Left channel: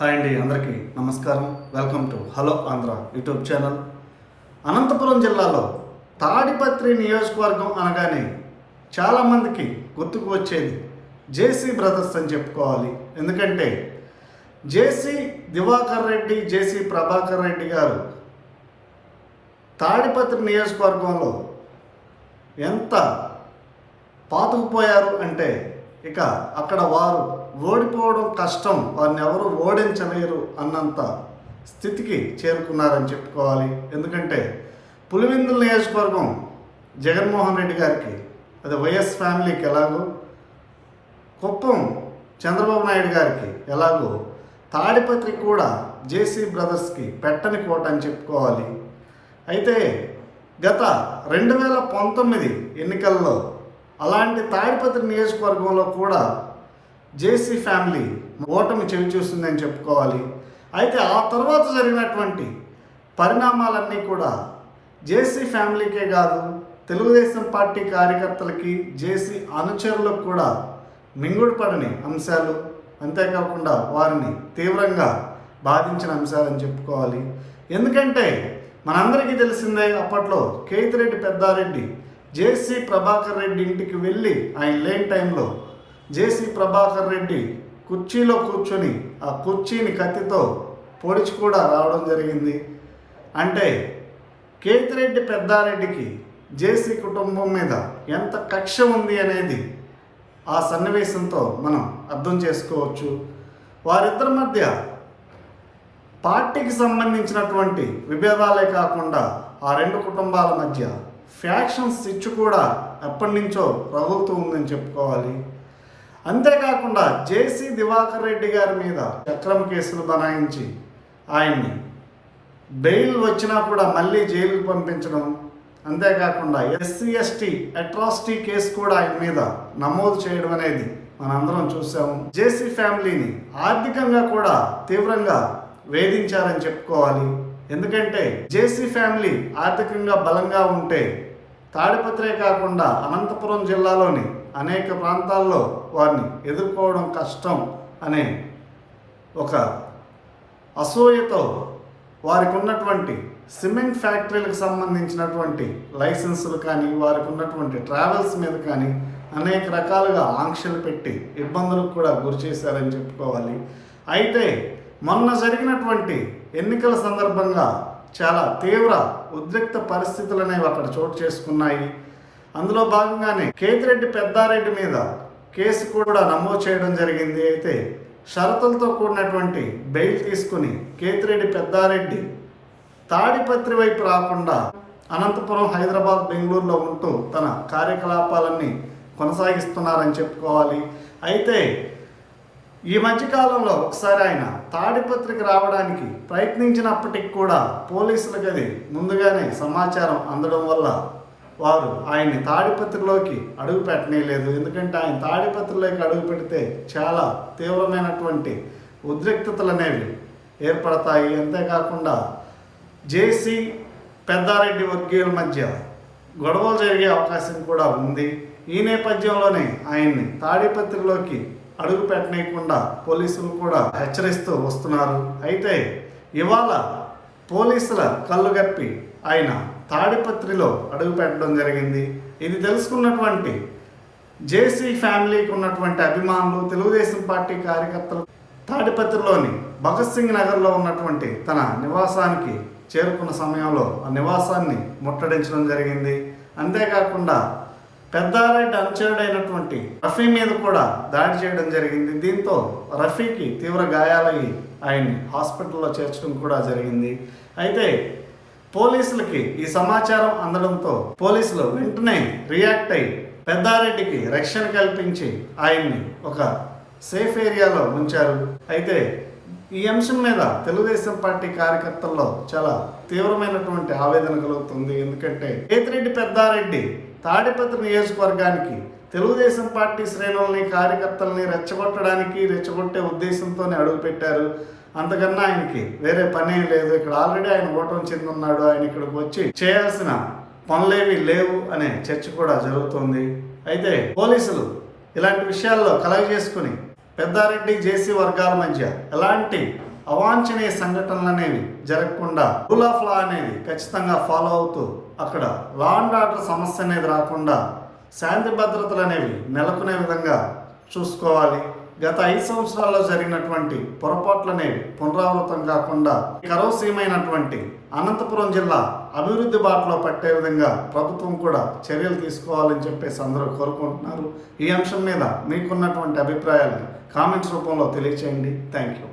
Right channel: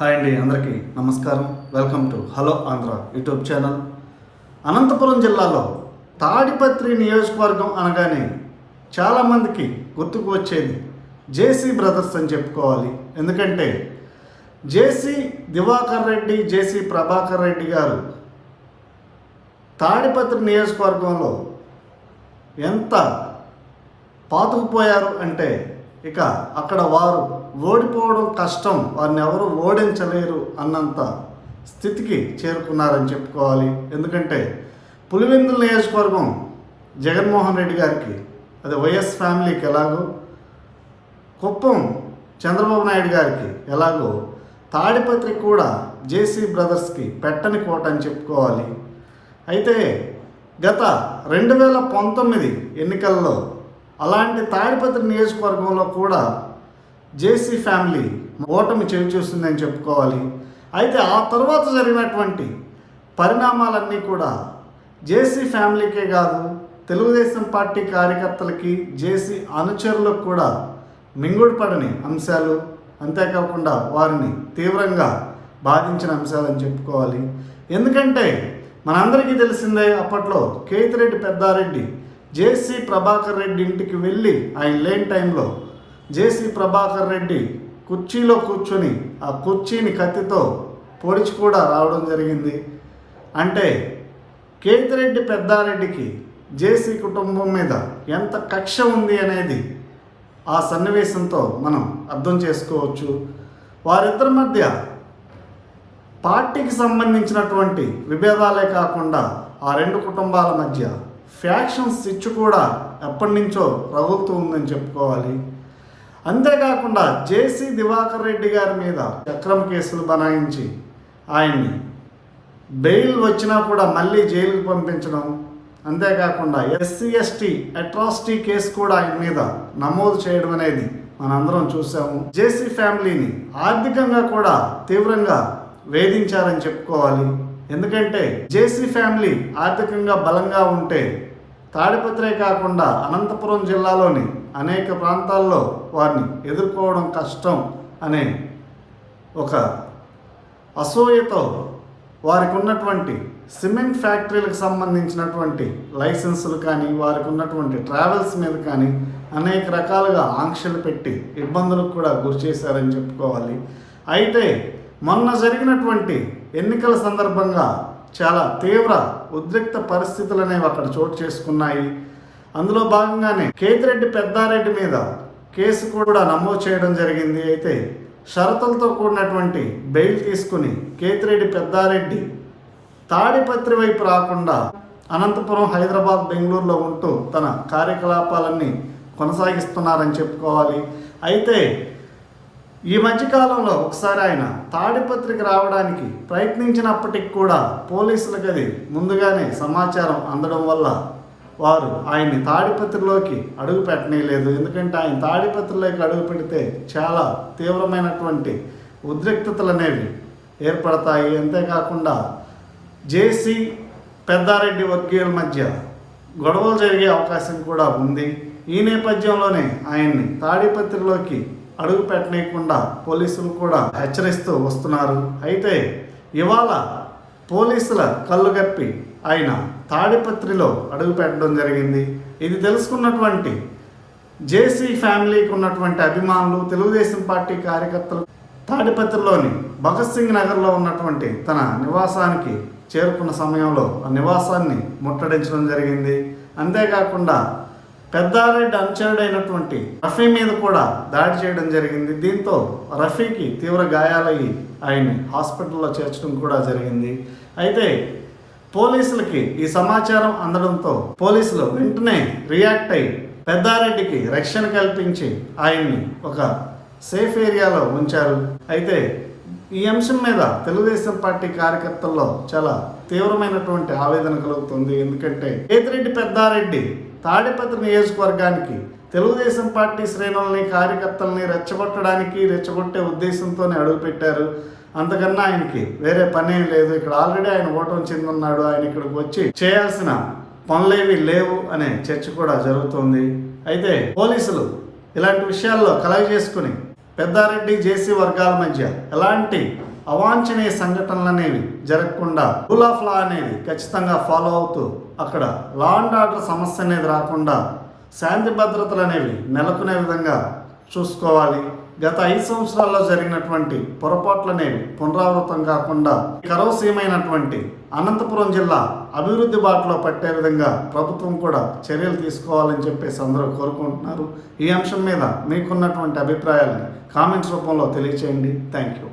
Hi అండి, అందరికీ నమస్కారం. Welcome to hello Andhra YouTube channel. Anantapuram జిల్లాలో తాడిపత్రి నియోజకవర్గం అనగానే చాలామందికి గుర్తుకు వచ్చేది జేసీ బ్రదర్స్ అని చెప్పుకోవాలి. ఎందుకంటే జేసీ దివాకర్ రెడ్డి, జేసీ ప్రభాకర్ రెడ్డి గారు తాడిపత్రి నియోజకవర్గంలో ఎంత పాతుకుపోయారు అంటే ఇక అక్కడ వారు ఓడిపోవడం కష్టం, వారిని ఎవరు ఓడించలేరు అన్నంత స్థితికి చేరుకున్నారని చెప్పుకోవాలి. ఎందుకంటే పులివెందుల నియోజకవర్గం జగన్మోహన్ రెడ్డి గారికి, అది వైఎస్ ఫ్యామిలీకి ఎలాగో, కుప్పం చంద్రబాబు నాయుడు గారికి ఎలాగో, తాడిపత్రి కూడా జేసీ బ్రదర్స్కి పెట్టని కోట అని చెప్పుకోవాలి. అయితే గత 2019 ఎన్నికల్లో అలాంటి తాడిపత్రి నియోజకవర్గంలో కూడా జేసీ ఫ్యామిలీ ఓటమి చవిచూస్తుందని చెప్పుకోవాలి. అయితే ఆ తర్వాత జరిగినటువంటి పరిణామాలన్నీ కూడా జేసీ ఫ్యామిలీకే కాదు, తెలుగుదేశం పార్టీ కార్యకర్తలకి, జేసీ అనుచరులకు కూడా మింగుడుపడని అంశాలు, అంతేకాకుండా వారిని తీవ్రంగా బాధించిన అంశాలని చెప్పుకోవాలి. ఎందుకంటే మనందరికీ తెలిసిందే, అప్పట్లో కేతిరెడ్డి పెద్దారెడ్డి జేసీ ప్రభాకర్ రెడ్డి ఇంటికి వెళ్ళి ఆయన లేని టైంలో జేసీ ప్రభాకర్ రెడ్డి కుర్చీలో కూర్చొని ఆ కుర్చీని కత్తితో పొడిచి కూడా రావడం జరిగింది. అంటే కేతిరెడ్డి పెద్దారెడ్డికి జేసీ కుటుంబం మీద ఎంత కక్ష ఉంది అనేది ఆ సన్నివేశంతో మనం అర్థం చేసుకోవచ్చు. వారిద్దరి మధ్య పార్టీకి సంబంధించినటువంటి విభేదాలే కాకుండా ఆ రెండు కుటుంబాల మధ్య ఫ్యాక్షన్స్ ఇచ్చు కూడా ఎప్పటి నుంచో రగులుతూ ఉందని చెప్పుకోవాలి. అంతేకాకుండా జేసీ దివాకర్ రెడ్డి గారి మీద అక్రమ కేసులు బనాయించి ఆయన్ని బెయిల్ వచ్చినా కూడా మళ్ళీ జైలుకు పంపించడం, అంతేకాకుండా SC/ST అట్రాసిటీ కేసు కూడా ఆయన మీద నమోదు చేయడం అనేది మనందరం చూసాము. జేసీ ఫ్యామిలీని ఆర్థికంగా కూడా తీవ్రంగా వేధించారని చెప్పుకోవాలి. ఎందుకంటే జేసీ ఫ్యామిలీ ఆర్థికంగా బలంగా ఉంటే తాడిపత్రే కాకుండా అనంతపురం జిల్లాలోని అనేక ప్రాంతాల్లో వారిని ఎదుర్కోవడం కష్టం అనే ఒక అసూయతో వారికి ఉన్నటువంటి సిమెంట్ ఫ్యాక్టరీలకు సంబంధించినటువంటి లైసెన్సులు కానీ, వారికి ఉన్నటువంటి ట్రావెల్స్ మీద కానీ అనేక రకాలుగా ఆంక్షలు పెట్టి ఇబ్బందులకు కూడా గురి చేశారని చెప్పుకోవాలి. అయితే మొన్న జరిగినటువంటి ఎన్నికల సందర్భంగా చాలా తీవ్ర ఉద్రిక్త పరిస్థితులు అనేవి అక్కడ చోటు చేసుకున్నాయి. అందులో భాగంగానే కేతిరెడ్డి పెద్దారెడ్డి మీద కేసు కూడా నమోదు చేయడం జరిగింది. అయితే షరతులతో కూడినటువంటి బెయిల్ తీసుకుని కేతిరెడ్డి పెద్దారెడ్డి తాడిపత్రి వైపు రాకుండా అనంతపురం, హైదరాబాద్, బెంగళూరులో ఉంటూ తన కార్యకలాపాలన్నీ కొనసాగిస్తున్నారని చెప్పుకోవాలి. అయితే ఈ మధ్యకాలంలో ఒకసారి ఆయన తాడిపత్రికి రావడానికి ప్రయత్నించినప్పటికి కూడా పోలీసులకు అది ముందుగానే సమాచారం అందడం వల్ల వారు ఆయన్ని తాడిపత్రిలోకి అడుగు పెట్టనేలేదు. ఎందుకంటే ఆయన తాడిపత్రిలోకి అడుగు పెడితే చాలా తీవ్రమైనటువంటి ఉద్రిక్తతలు అనేవి ఏర్పడతాయి. అంతేకాకుండా జేసీ పెద్దారెడ్డి వర్గీయుల మధ్య గొడవలు జరిగే అవకాశం కూడా ఉంది. ఈ నేపథ్యంలోనే ఆయన్ని తాడిపత్రిలోకి అడుగు పెట్టనీయకుండా పోలీసులు కూడా హెచ్చరిస్తూ వస్తున్నారు. అయితే ఇవాళ పోలీసుల కళ్ళు గప్పి ఆయన తాడిపత్రిలో అడుగు పెట్టడం జరిగింది. ఇది తెలుసుకున్నటువంటి జేసీ ఫ్యామిలీకి ఉన్నటువంటి అభిమానులు, తెలుగుదేశం పార్టీ కార్యకర్తలు తాడిపత్రిలోని భగత్ సింగ్ నగర్లో ఉన్నటువంటి తన నివాసానికి చేరుకున్న సమయంలో ఆ నివాసాన్ని ముట్టడించడం జరిగింది. అంతేకాకుండా పెద్దారెడ్డి అనుచరుడైనటువంటి రఫీ మీద కూడా దాడి చేయడం జరిగింది. దీంతో రఫీకి తీవ్ర గాయాలయ్యి ఆయన్ని హాస్పిటల్లో చేర్చడం కూడా జరిగింది. అయితే పోలీసులకి ఈ సమాచారం అందడంతో పోలీసులు వెంటనే రియాక్ట్ అయ్యి పెద్దారెడ్డికి రక్షణ కల్పించి ఆయన్ని ఒక సేఫ్ ఏరియాలో ఉంచారు. అయితే ఈ అంశం మీద తెలుగుదేశం పార్టీ కార్యకర్తల్లో చాలా తీవ్రమైనటువంటి ఆవేదన కలుగుతుంది. ఎందుకంటే కేతిరెడ్డి పెద్దారెడ్డి తాడిపత్రి నియోజకవర్గానికి తెలుగుదేశం పార్టీ శ్రేణులని, కార్యకర్తలని రెచ్చగొట్టే ఉద్దేశంతోనే అడుగుపెట్టారు. అంతకన్నా ఆయనకి వేరే పనే లేదు. ఇక్కడ ఆల్రెడీ ఆయన ఓటమి చెందున్నాడు. ఆయన ఇక్కడికి వచ్చి చేయాల్సిన పనులేవి లేవు అనే చర్చ కూడా జరుగుతుంది. అయితే పోలీసులు ఇలాంటి విషయాల్లో కలగజేసుకుని పెద్దారెడ్డి జేసీ వర్గాల మధ్య ఎలాంటి అవాంఛనీయ సంఘటనలు అనేవి జరగకుండా రూల్ ఆఫ్ లా అనేది ఖచ్చితంగా ఫాలో అవుతూ అక్కడ లా అండ్ ఆర్డర్ సమస్య అనేది రాకుండా శాంతి భద్రతలు అనేవి నెలకొనే విధంగా చూసుకోవాలి. గత 5 సంవత్సరాల్లో జరిగినటువంటి పొరపాట్లు అనేవి పునరావృతం కాకుండా కరవసీమైనటువంటి అనంతపురం జిల్లా అభివృద్ధి బాటలో పట్టే విధంగా ప్రభుత్వం కూడా చర్యలు తీసుకోవాలని చెప్పేసి అందరూ కోరుకుంటున్నారు. ఈ అంశం మీద మీకున్నటువంటి అభిప్రాయాన్ని కామెంట్స్ రూపంలో తెలియచేయండి. Thank you.